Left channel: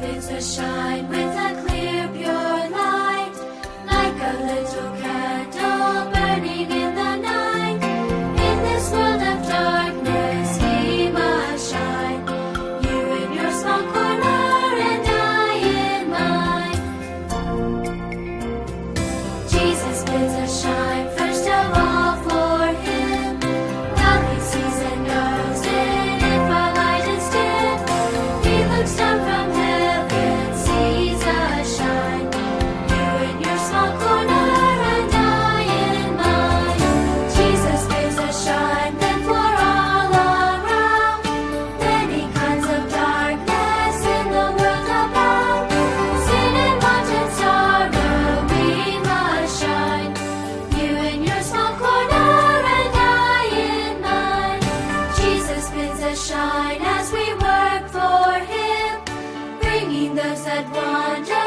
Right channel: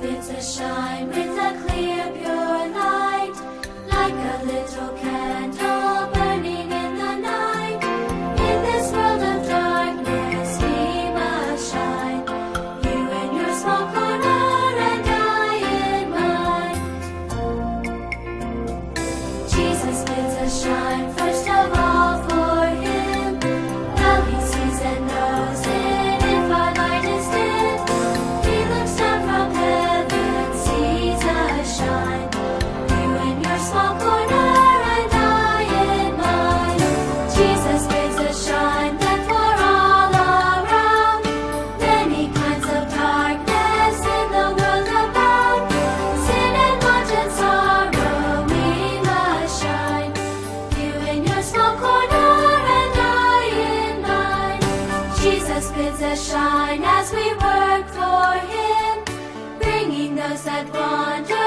bids us shine with a clear, pure light, like a little candle burning in the night. In this world of darkness, we must shine. You in your small corner, and I in mine. Jesus bids us shine first of all for Him. Well, He sees and knows it if our light is dim. He looks down from heaven, sees us shine. You in your small corner, and I in mine. Jesus bids us shine then for all around. Many kinds of darkness in the world abound. Sin and want and sorrow, we must shine. You in your small corner, and I in mine. Jesus bids us shine as we work for Him, bringing those that wander